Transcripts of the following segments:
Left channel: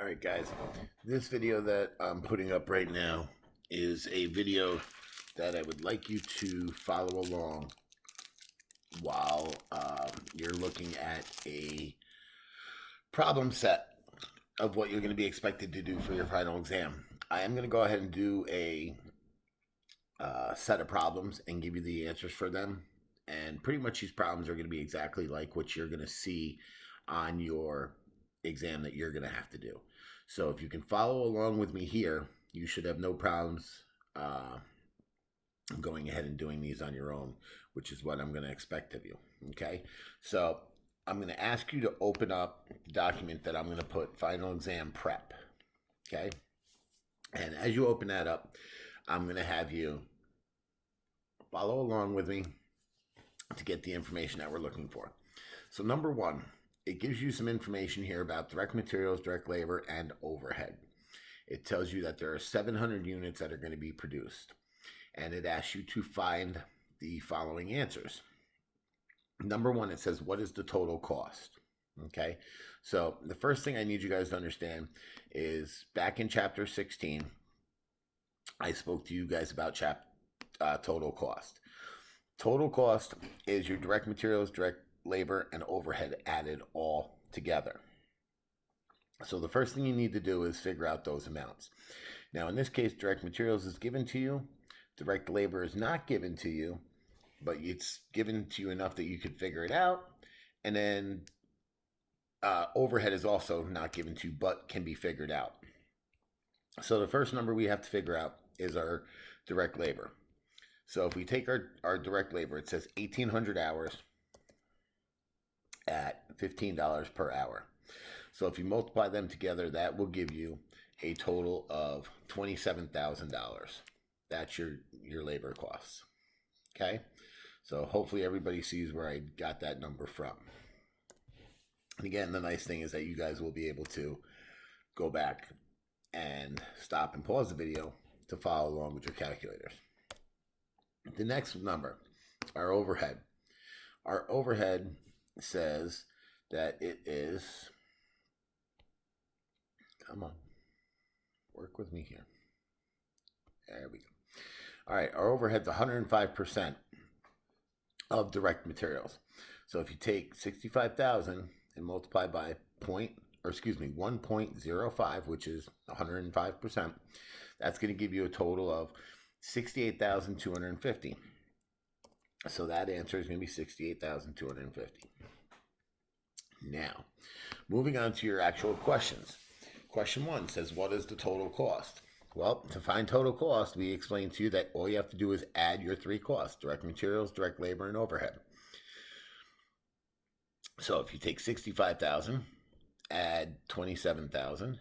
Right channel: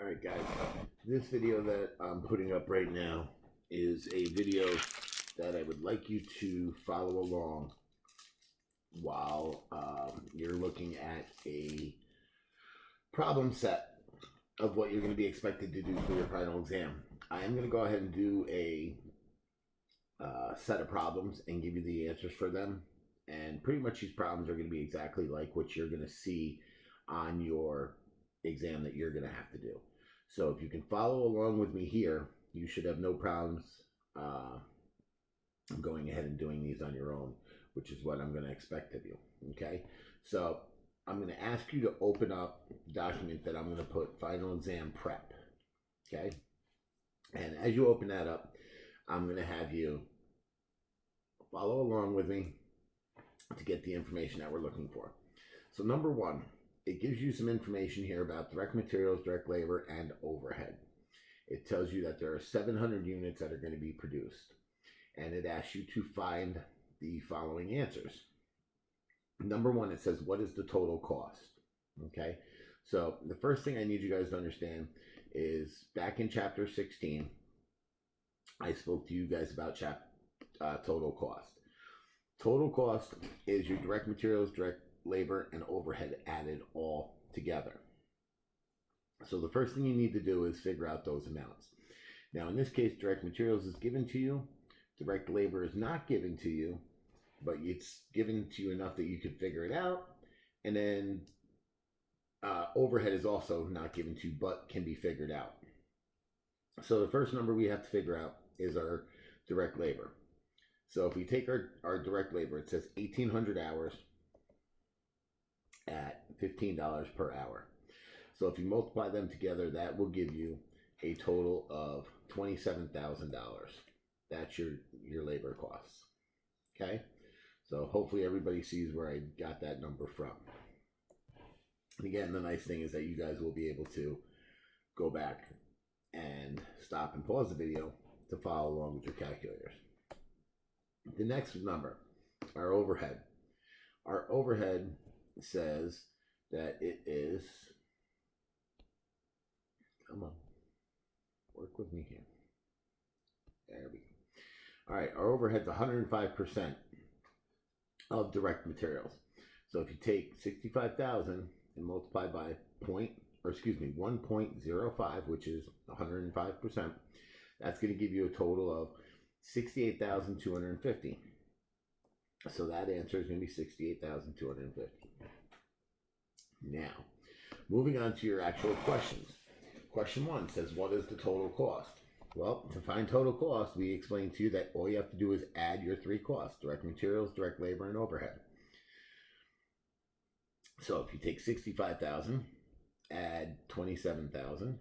All right, guys, this video that I'm putting up right now is a video that I would like you to follow along while you're looking at a problem set of what you're going to be expected to do for your final exam. I am going to go ahead and do a set of problems and give you the answers for them. And pretty much these problems are going to be exactly like what you're going to see on your exam that you're going to have to do. So if you can follow along with me here, you should have no problems going ahead and doing these on your own, which is what I'm going to expect of you. Okay, so I'm going to ask you to open up the document that I'm going to put final exam prep. Okay, and as you open that up, I'm going to have you follow along with me to get the information that we're looking for. So number one, it gives you some information here about direct materials, direct labor, and overhead. It tells you that there are 700 units that are going to be produced. And it asks you to find the following answers. Number one, it says, what is the total cost? Okay, so the first thing I need you guys to understand is back in chapter 16, I spoke to you guys about total cost. Total cost is your direct materials, direct labor, and overhead added all together. So the first thing you need to do is figure out those amounts. Now in this case, direct materials is given to you, direct labor is not given to you, but it's given to you enough that you can figure it out. And then overhead is also not given to you, but can be figured out. So the first number we have to figure out is our direct labor. So if we take our direct labor, it says 1,800 hours at $15 per hour. So if you multiply them together, that will give you a total of $27,000. That's your labor costs. Okay? So hopefully everybody sees where I got that number from. And again, the nice thing is that you guys will be able to go back and stop and pause the video to follow along with your calculators. The next number, our overhead. Our overhead says that it is, come on, work with me here. There we go. All right, our overhead's 105% of direct materials. So if you take 65,000 and multiply by 1.05, which is 105%, that's going to give you a total of 68,250. So that answer is going to be 68,250. Now, moving on to your actual questions. Question one says, what is the total cost? Well, to find total cost, we explained to you that all you have to do is add your three costs: direct materials, direct labor, and overhead. So if you take 65,000, add 27,000,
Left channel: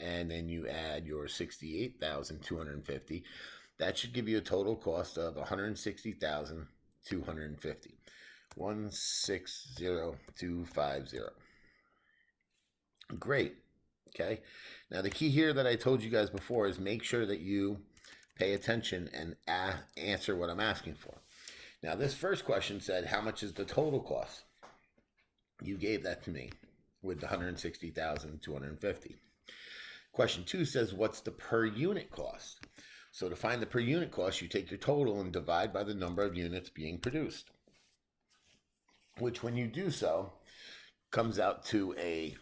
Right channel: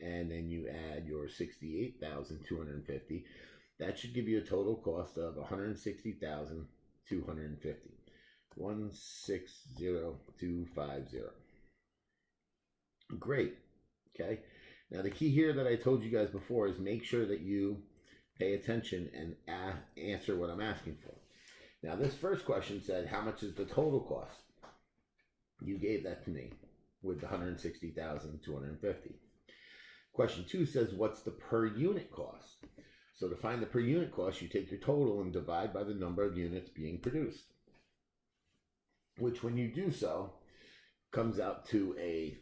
and then you add your 68,250, that should give you a total cost of 160,250. 160,250. Great. Okay. Now the key here that I told you guys before is make sure that you pay attention and answer what I'm asking for. Now this first question said, how much is the total cost? You gave that to me with the 160,250. Question two says, what's the per unit cost? So to find the per unit cost, you take your total and divide by the number of units being produced, which when you do so, comes out to a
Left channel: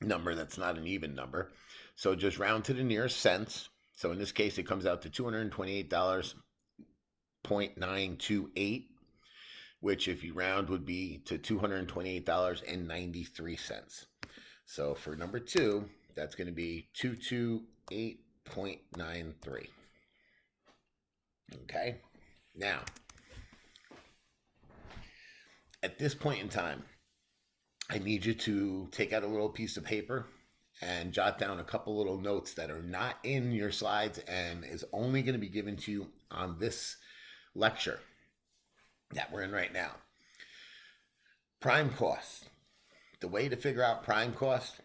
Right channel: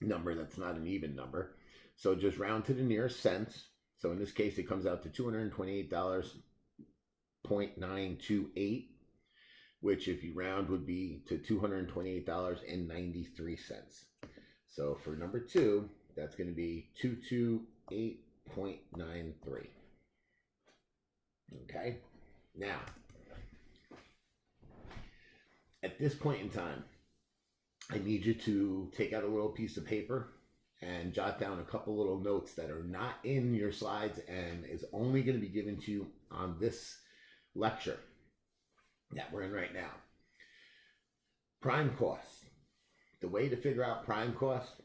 number that's not an even number. So just round to the nearest cents. So in this case, it comes out to $228.928, which if you round would be to $228.93. So for number two, that's going to be 228.93. Okay. Now, at this point in time, I need you to take out a little piece of paper and jot down a couple little notes that are not in your slides and is only going to be given to you on this lecture that we're in right now. Prime cost. The way to figure out prime cost,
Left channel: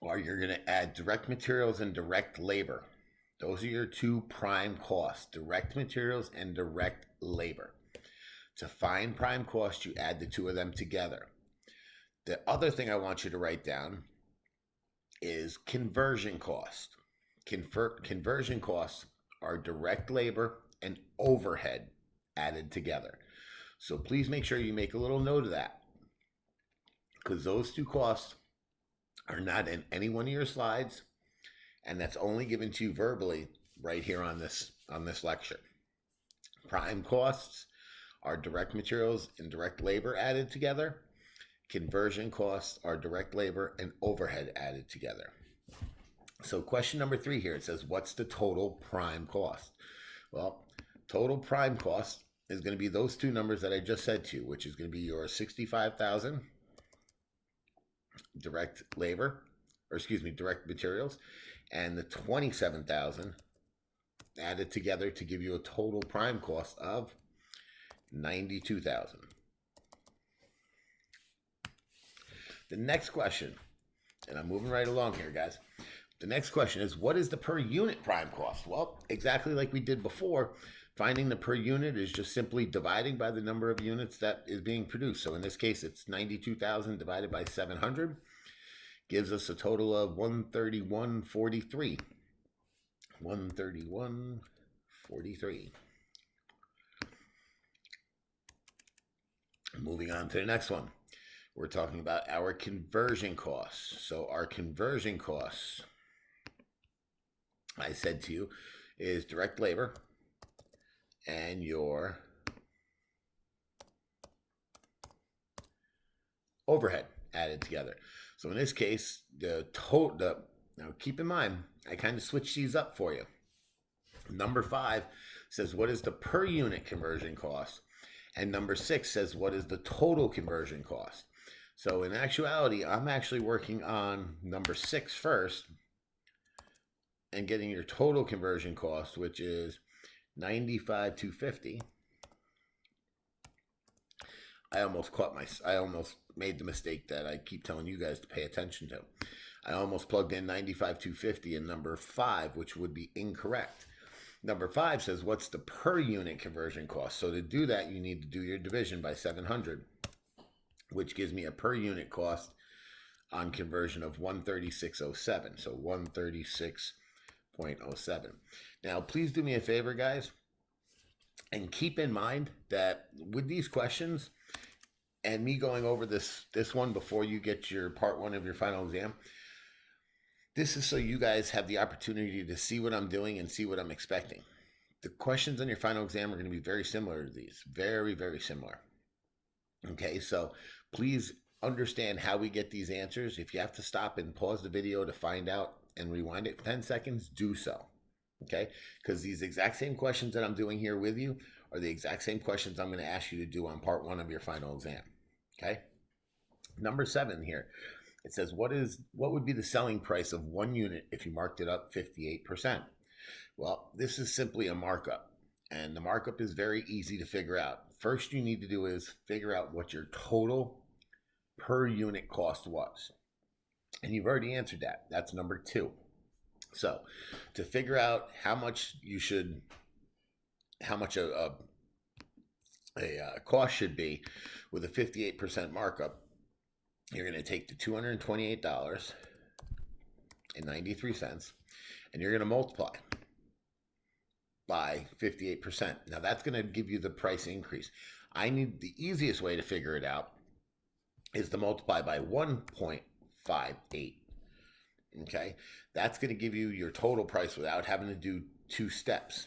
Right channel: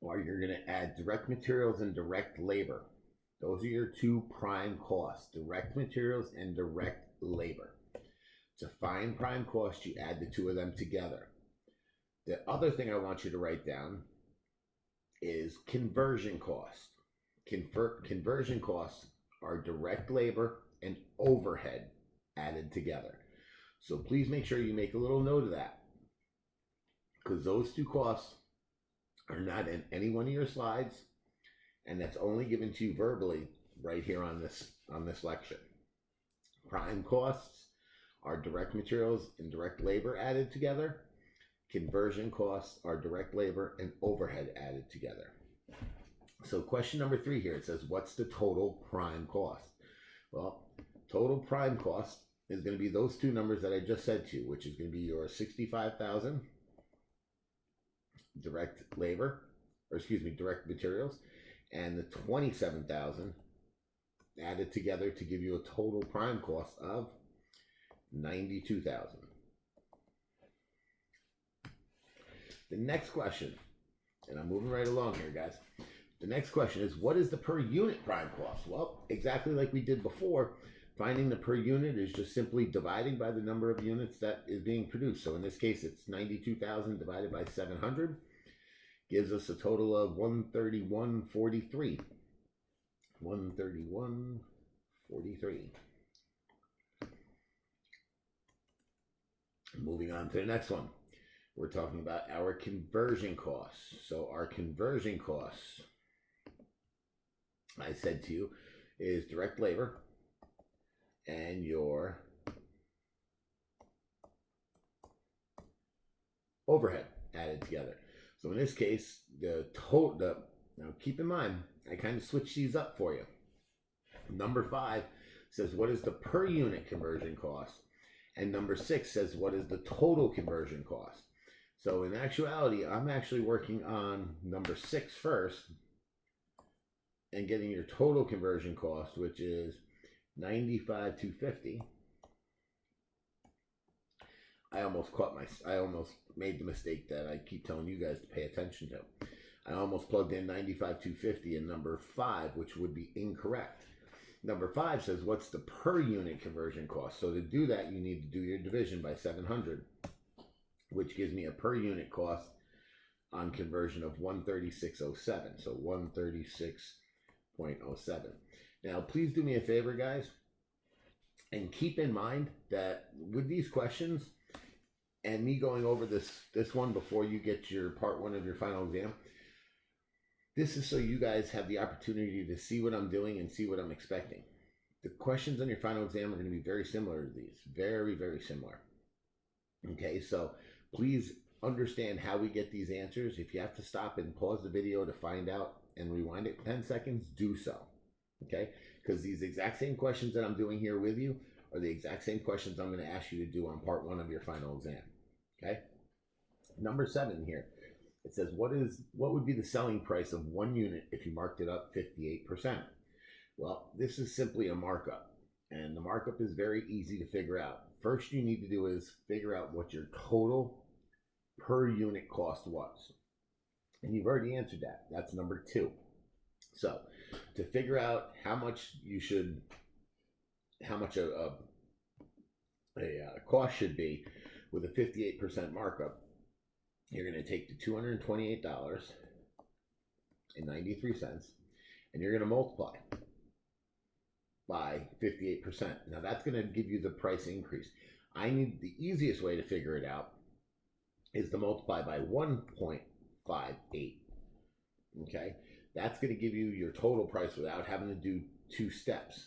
or you're going to add direct materials and direct labor. Those are your two prime costs, direct materials and direct labor. To find prime cost, you add the two of them together. The other thing I want you to write down is conversion cost. Conversion costs are direct labor and overhead added together. So please make sure you make a little note of that, because those two costs are not in any one of your slides, and that's only given to you verbally right here on this lecture. Prime costs are direct materials and direct labor added together. Conversion costs are direct labor and overhead added together. So question number 3 here, it says, what's the total prime cost? Well, total prime cost is going to be those two numbers that I just said to you, which is going to be your 65,000 direct labor, or excuse me, direct materials, and the 27,000 added together to give you a total prime cost of 92,000. The next question, and I'm moving right along here, guys. The next question is, what is the per unit prime cost? Well, exactly like we did before, finding the per unit is just simply dividing by the number of units that is being produced. So in this case, it's 92,000 divided by 700 gives us a total of 131.43. 131.43. Moving on to the next one. We're talking about our conversion costs. So our conversion costs, I said to you, is direct labor and your overhead added together. So in this case, now keep in mind, I kind of switched these up for you. Number 5 says, what is the per unit conversion cost? And number 6 says, what is the total conversion cost? So in actuality, I'm actually working on number 6 first and getting your total conversion cost, which is 95,250. I almost made the mistake that I keep telling you guys to pay attention to. I almost plugged in 95,250 in number 5, which would be incorrect. Number 5 says, what's the per unit conversion cost? So to do that, you need to do your division by 700, which gives me a per unit cost on conversion of 136.07. So 136.07. Now, please do me a favor, guys, and keep in mind that with these questions and me going over this one before you get your part 1 of your final exam, this is so you guys have the opportunity to see what I'm doing and see what I'm expecting. The questions on your final exam are going to be very similar to these. Very, very similar. Okay, so please understand how we get these answers. If you have to stop and pause the video to find out and rewind it for 10 seconds, do so. Okay, because these exact same questions that I'm doing here with you are the exact same questions I'm going to ask you to do on part 1 of your final exam. Okay, number 7 here. It says, what would be the selling price of 1 unit if you marked it up 58%? Well, this is simply a markup, and the markup is very easy to figure out. First you need to do is figure out what your total per unit cost was. And you've already answered that. That's number 2. So to figure out how much a cost should be with a 58% markup, you're going to take the $228.93 and you're going to multiply by 58%. Now that's going to give you the price increase. The easiest way to figure it out is to multiply by 1.58. Okay, that's going to give you your total price without having to do 2 steps.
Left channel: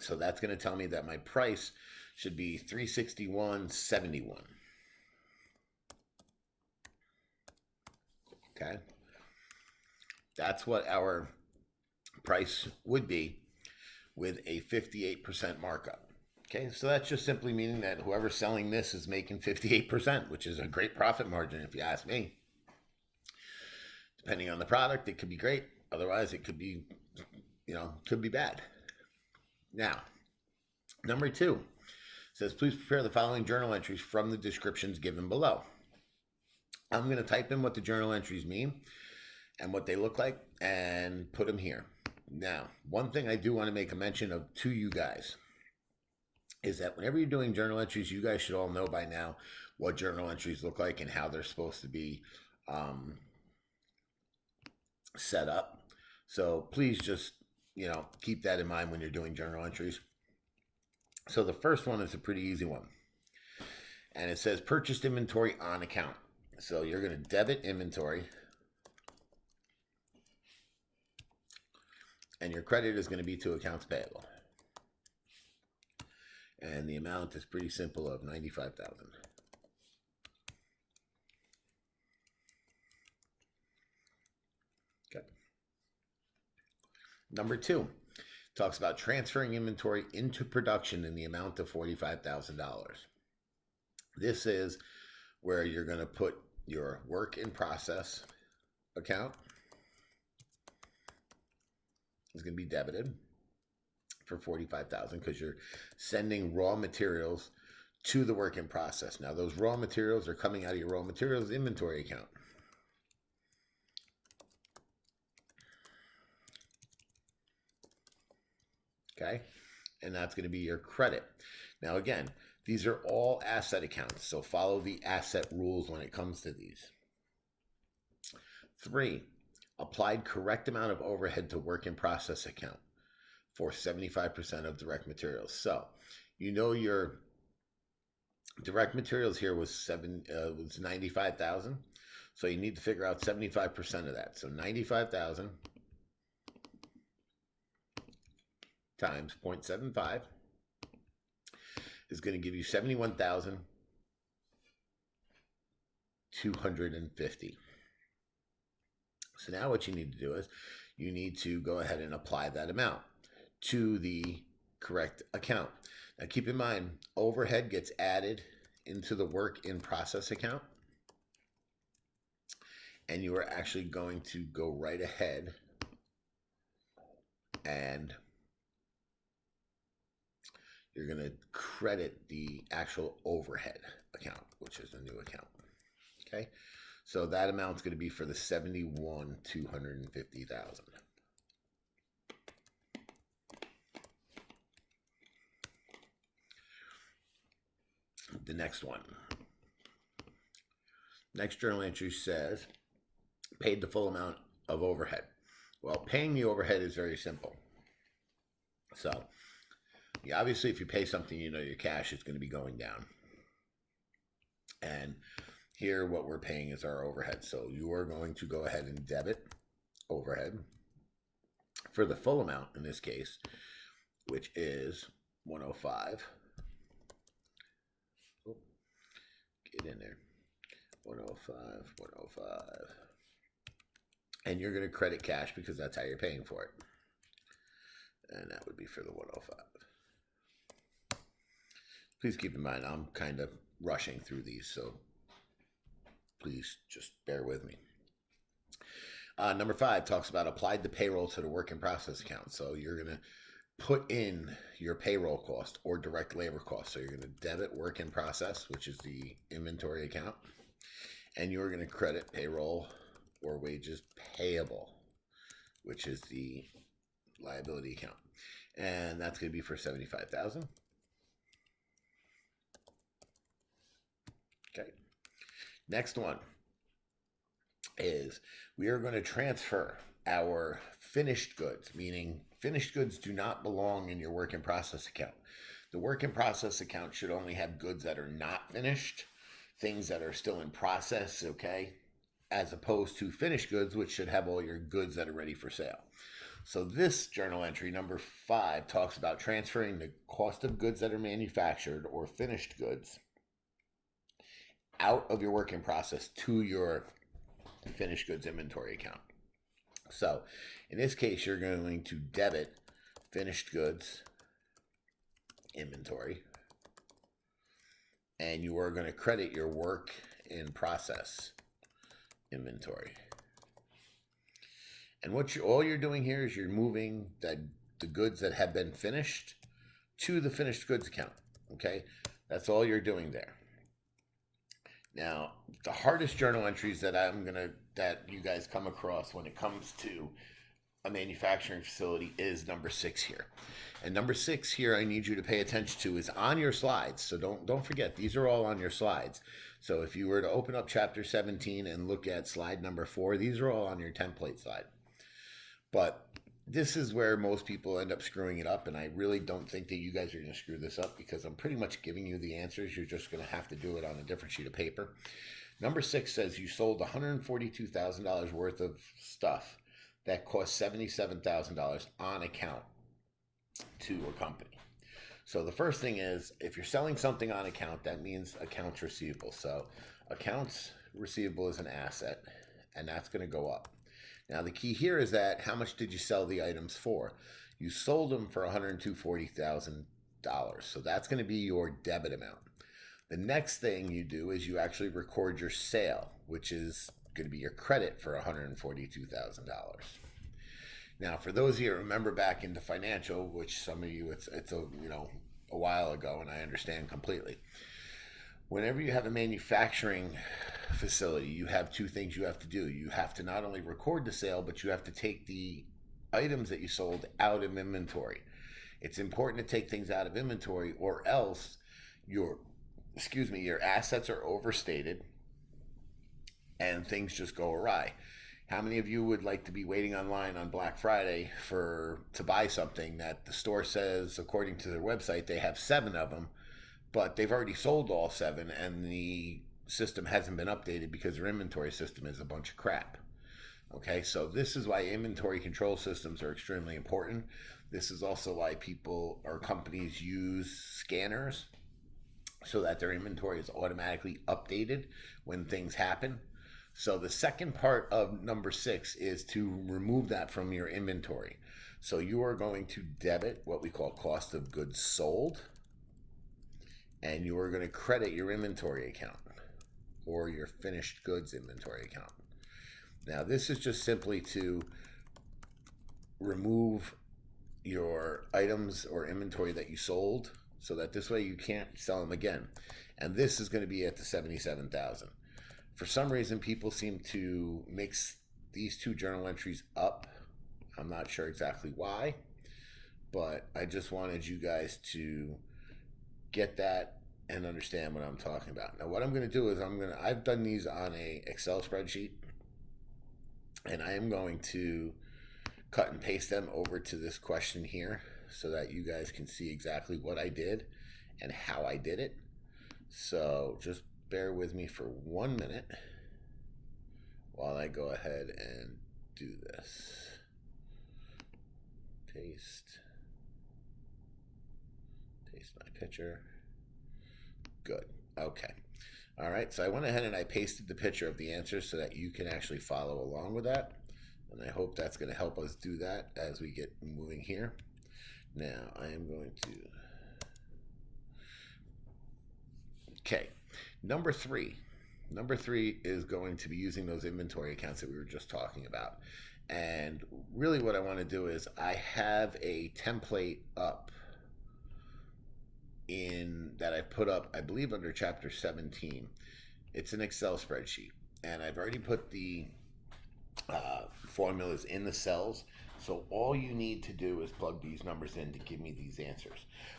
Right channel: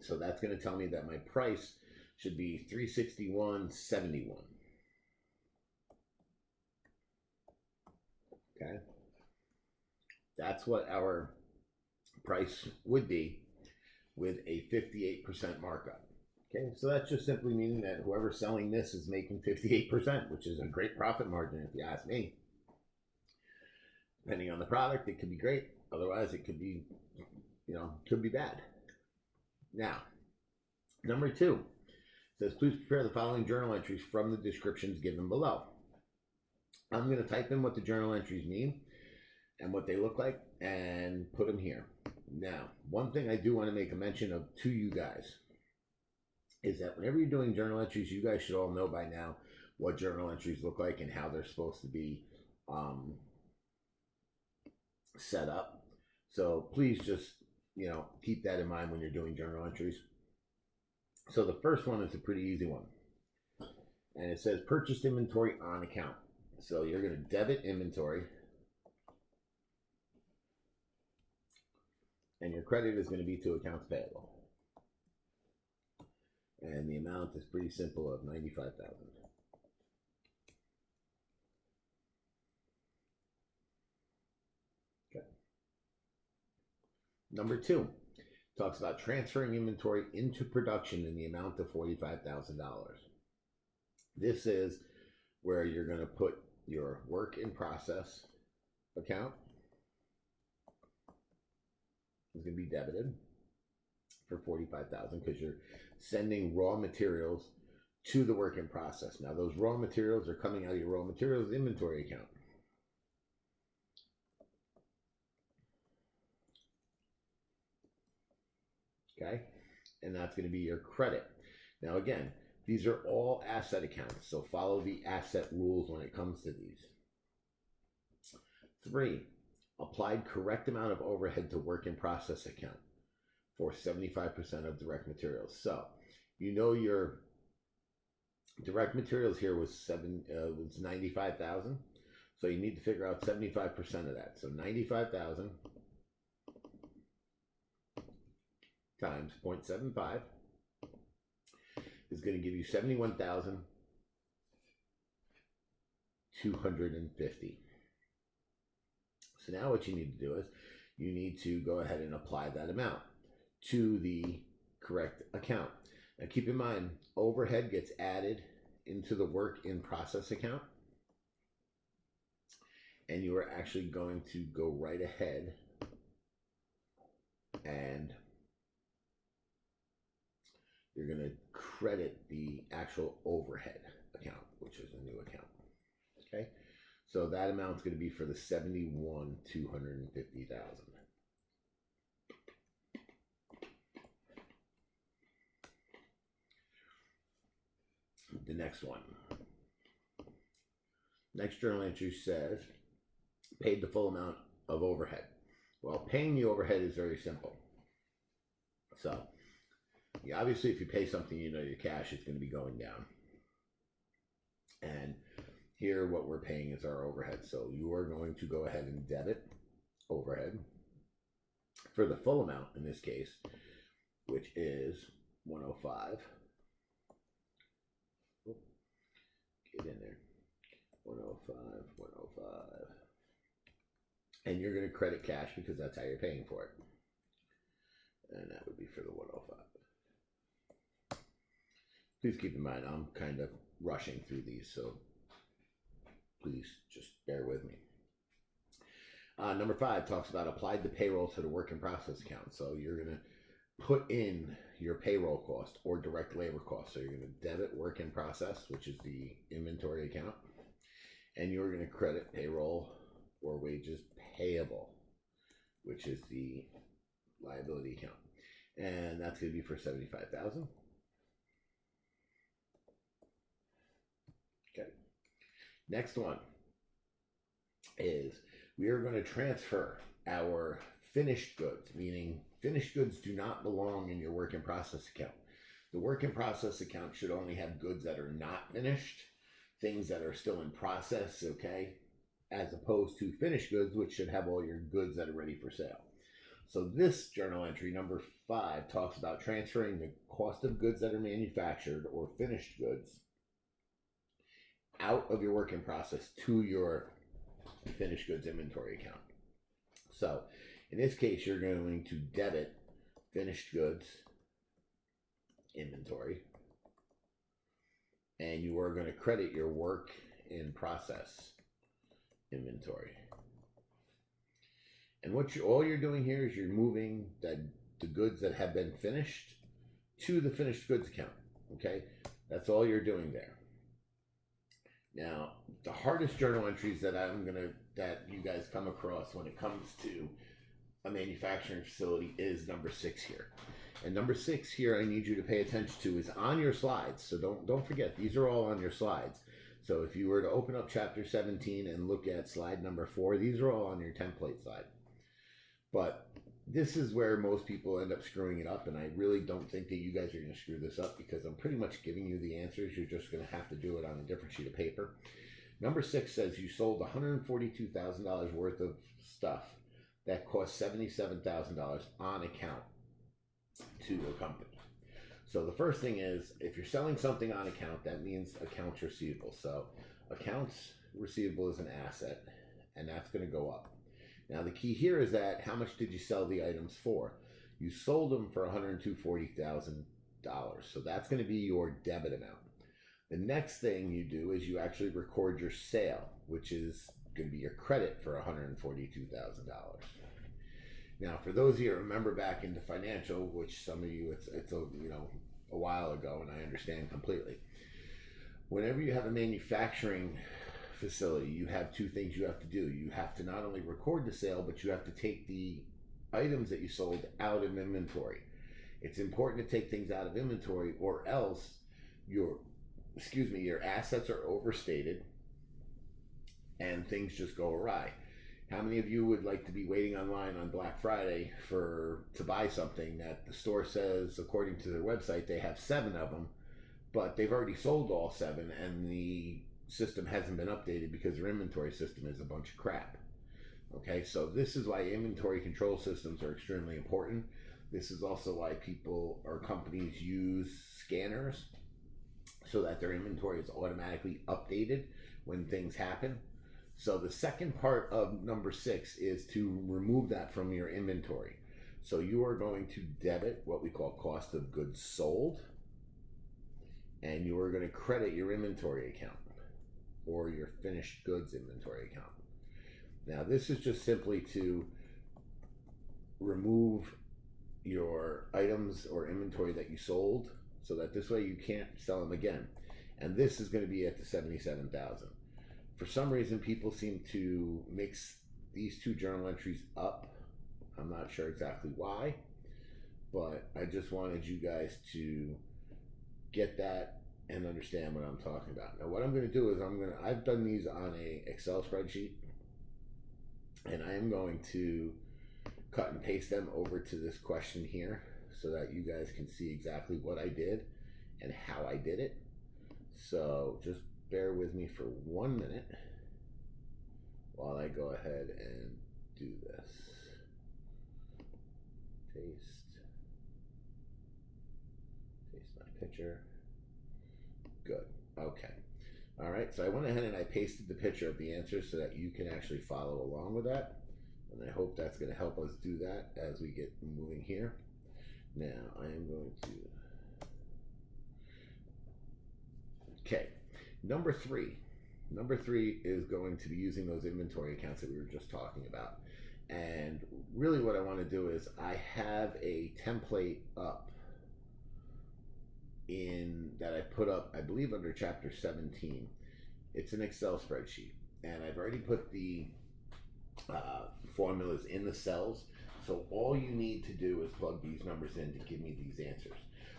So that's going to tell me that my price should be $361.71. Okay, that's what our price would be with a 58% markup. Okay, so that's just simply meaning that whoever's selling this is making 58%, which is a great profit margin if you ask me. Depending on the product, it could be great. Otherwise, it could be, could be bad. Now, number 2 says, please prepare the following journal entries from the descriptions given below. I'm going to type in what the journal entries mean and what they look like and put them here. Now, one thing I do want to make a mention of to you guys is that whenever you're doing journal entries, you guys should all know by now what journal entries look like and how they're supposed to be set up. So please just, keep that in mind when you're doing journal entries. So the first one is a pretty easy one. And it says purchased inventory on account. So you're going to debit inventory. And your credit is going to be to accounts payable. And the amount is pretty simple of $95,000. Okay. Number 2 talks about transferring inventory into production in the amount of $45,000. This is where you're going to put your work in process account. Is going to be debited for $45,000 because you're sending raw materials to the work in process. Now those raw materials are coming out of your raw materials inventory account. Okay, and that's going to be your credit. Now again, these are all asset accounts, so follow the asset rules when it comes to these. 3, applied correct amount of overhead to work in process account for 75% of direct materials. So, your direct materials here was 95,000. So you need to figure out 75% of that. So 95,000 times 0.75 is going to give you 71,250. So now what you need to do is you need to go ahead and apply that amount to the correct account. Now keep in mind, overhead gets added into the work in process account. And you are actually going to go right ahead and you're going to credit the actual overhead account, which is a new account. Okay, so that amount's going to be for the 71,250,000. The next one. Next journal entry says paid the full amount of overhead. Well, paying the overhead is very simple. So, obviously, if you pay something, your cash is going to be going down. And here, what we're paying is our overhead. So, you are going to go ahead and debit overhead for the full amount in this case, which is 105. Oh, get in there. 105, 105. And you're going to credit cash because that's how you're paying for it. And that would be for the 105. Please keep in mind, I'm kind of rushing through these, so please just bear with me. Number 5 talks about applied the payroll to the work in process account. So you're going to put in your payroll cost or direct labor cost. So you're going to debit work in process, which is the inventory account. And you're going to credit payroll or wages payable, which is the liability account. And that's going to be for $75,000. Okay. Next one is we are going to transfer our finished goods, meaning finished goods do not belong in your work in process account. The work in process account should only have goods that are not finished, things that are still in process, okay, as opposed to finished goods, which should have all your goods that are ready for sale. So this journal entry, number 5, talks about transferring the cost of goods that are manufactured or finished goods out of your work in process to your finished goods inventory account. So in this case, you're going to debit finished goods inventory, and you are going to credit your work in process inventory. And all you're doing here is you're moving the goods that have been finished to the finished goods account. Okay, that's all you're doing there. Now, the hardest journal entries that you guys come across when it comes to a manufacturing facility is number 6 here. And number 6 here I need you to pay attention to is on your slides. So don't forget, these are all on your slides. So if you were to open up chapter 17 and look at slide number 4, these are all on your template slide. But this is where most people end up screwing it up, and I really don't think that you guys are going to screw this up because I'm pretty much giving you the answers. You're just going to have to do it on a different sheet of paper. Number 6 says you sold $142,000 worth of stuff that cost $77,000 on account to a company. So the first thing is, if you're selling something on account, that means accounts receivable. So accounts receivable is an asset, and that's going to go up. Now the key here is that how much did you sell the items for? You sold them for $140,000. So that's going to be your debit amount. The next thing you do is you actually record your sale, which is going to be your credit for $142,000. Now, for those of you that remember back into financial, which some of you it's a while ago, and I understand completely. Whenever you have a manufacturing facility, you have two things you have to do. You have to not only record the sale, but you have to take the items that you sold out of inventory. It's important to take things out of inventory, or else your assets are overstated and things just go awry. How many of you would like to be waiting online on Black Friday to buy something that the store says, according to their website, they have 7 of them, but they've already sold all 7 and the system hasn't been updated because their inventory system is a bunch of crap? Okay, so this is why inventory control systems are extremely important. This is also why people or companies use scanners so that their inventory is automatically updated when things happen. So the second part of number 6 is to remove that from your inventory. So you are going to debit what we call cost of goods sold, and you are going to credit your inventory account or your finished goods inventory account. Now this is just simply to remove your items or inventory that you sold so that this way you can't sell them again. And this is going to be at the $77,000. For some reason, people seem to mix these two journal entries up. I'm not sure exactly why, but I just wanted you guys to get that and understand what I'm talking about. Now, what I'm going to do is I've done these on a Excel spreadsheet, and I am going to cut and paste them over to this question here so that you guys can see exactly what I did and how I did it. So just bear with me for 1 minute while I go ahead and do this. Paste my picture. Good. Okay. All right. So I went ahead and I pasted the picture of the answers so that you can actually follow along with that. And I hope that's going to help us do that as we get moving here. Now I am going to... Okay. Number three is going to be using those inventory accounts that we were just talking about. And really what I want to do is I have a template up that I put up, I believe, under chapter 17. It's an Excel spreadsheet, and I've already put the formulas in the cells. So all you need to do is plug these numbers in to give me these answers.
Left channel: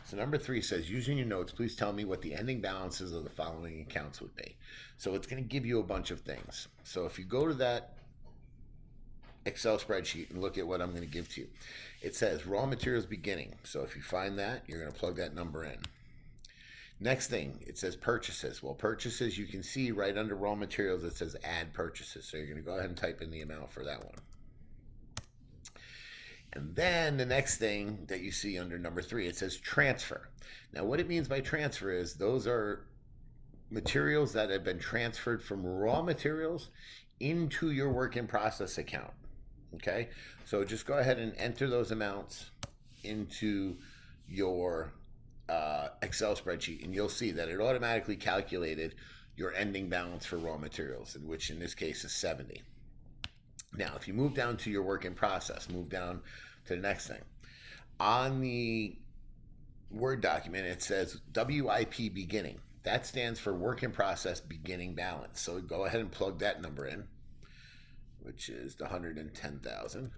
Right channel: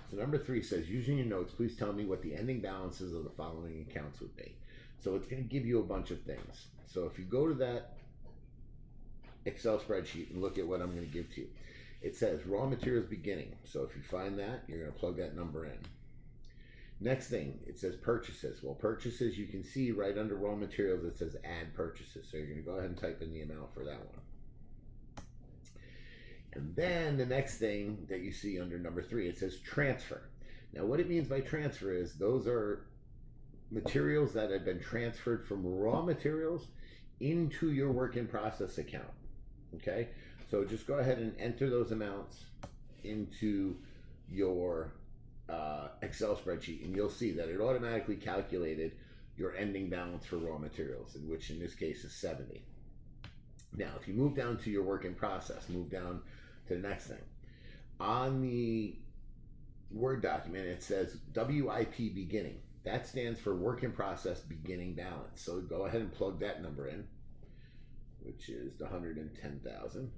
So number 3 says, using your notes, please tell me what the ending balances of the following accounts would be. So it's going to give you a bunch of things. So if you go to that Excel spreadsheet and look at what I'm going to give to you, it says raw materials beginning. So if you find that, you're going to plug that number in. Next thing, it says purchases. Well, purchases, you can see right under raw materials, it says add purchases. So you're going to go ahead and type in the amount for that one. And then the next thing that you see under number 3, it says transfer. Now what it means by transfer is those are materials that have been transferred from raw materials into your work in process account. Okay, so just go ahead and enter those amounts into your Excel spreadsheet, and you'll see that it automatically calculated your ending balance for raw materials, which in this case is 70. Now, if you move down to your work in process, move down to the next thing. On the Word document, it says WIP beginning. That stands for work in process beginning balance. So go ahead and plug that number in, which is the 110,000.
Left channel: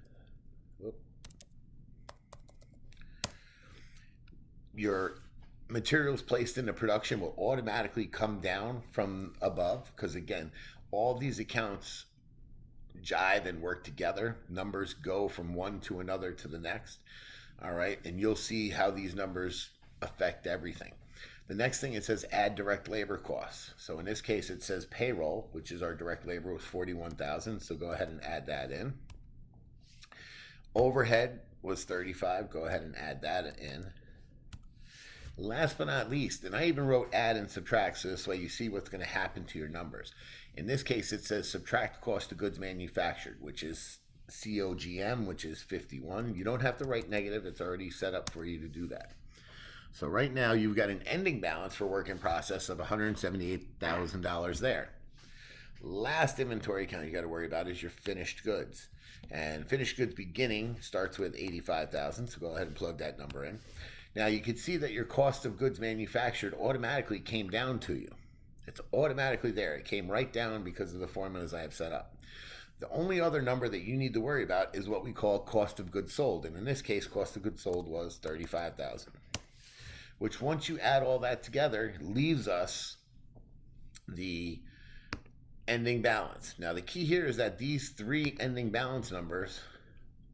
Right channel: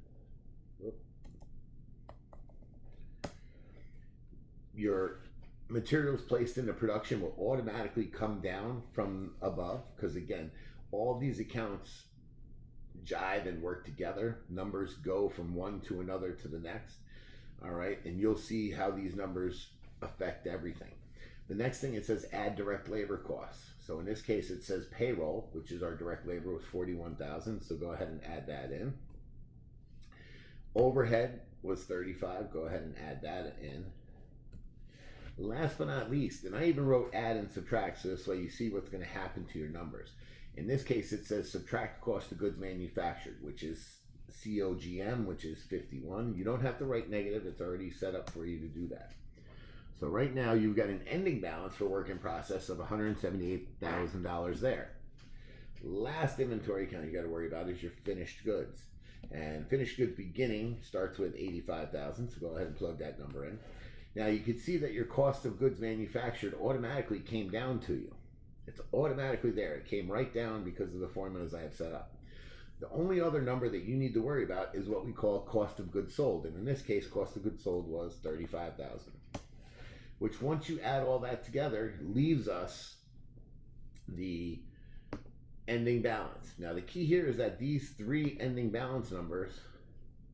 Your materials placed into production will automatically come down from above because, again, all these accounts jive and work together. Numbers go from one to another to the next. All right. And you'll see how these numbers affect everything. The next thing, it says add direct labor costs. So in this case, it says payroll, which is our direct labor, was 41,000. So go ahead and add that in. Overhead was 35. Go ahead and add that in. Last but not least, and I even wrote add and subtract, so this way you see what's going to happen to your numbers. In this case, it says subtract cost of goods manufactured, which is COGM, which is 51. You don't have to write negative. It's already set up for you to do that. So right now you've got an ending balance for work in process of $178,000 there. Last inventory account you got to worry about is your finished goods. And finished goods beginning starts with 85,000, so go ahead and plug that number in. Now you can see that your cost of goods manufactured automatically came down to you. It's automatically there. It came right down because of the formulas I have set up. The only other number that you need to worry about is what we call cost of goods sold. And in this case, cost of goods sold was 35,000, which once you add all that together leaves us the ending balance. Now the key here is that these three ending balance numbers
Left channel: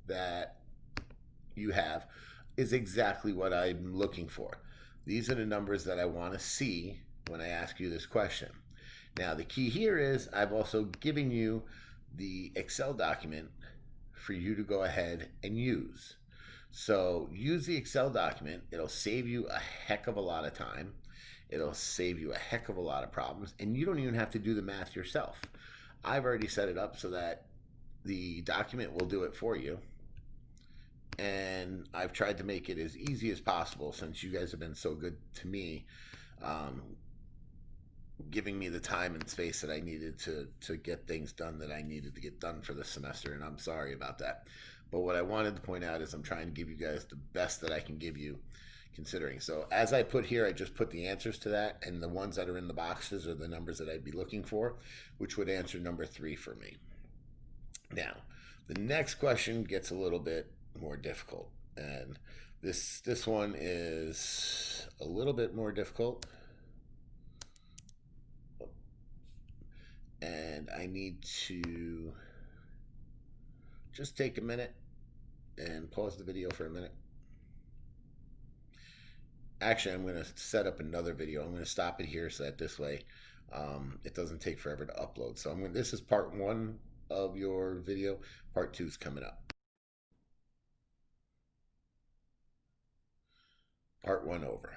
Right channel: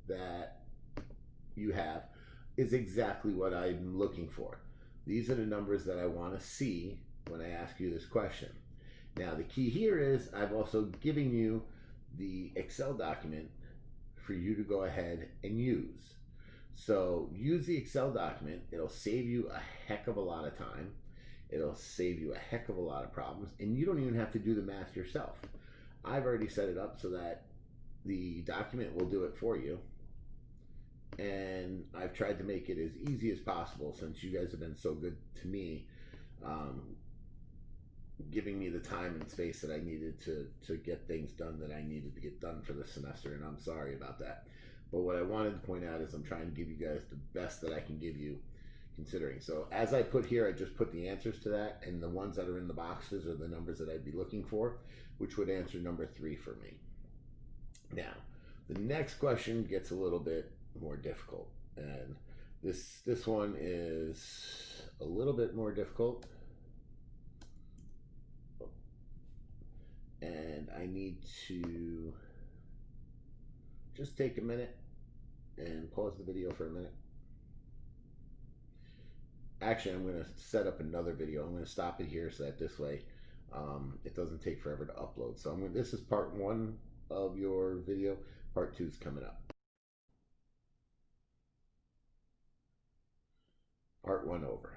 that you have is exactly what I'm looking for. These are the numbers that I want to see when I ask you this question. Now the key here is I've also given you the Excel document for you to go ahead and use. So use the Excel document. It'll save you a heck of a lot of time. It'll save you a heck of a lot of problems, and you don't even have to do the math yourself. I've already set it up so that the document will do it for you. And I've tried to make it as easy as possible since you guys have been so good to me, giving me the time and space that I needed to get things done that I needed to get done for this semester, and I'm sorry about that. But what I wanted to point out is I'm trying to give you guys the best that I can give you considering. So as I put here, I just put the answers to that, and the ones that are in the boxes are the numbers that I'd be looking for, which would answer number 3 for me. Now, the next question gets a little bit more difficult, and this one is a little bit more difficult, and I need to just take a minute and pause the video for a minute. Actually, I'm going to set up another video. I'm going to stop it here so that this way it doesn't take forever to upload. So this is part 1 of your video. Part 2 is coming up. Part 1 over.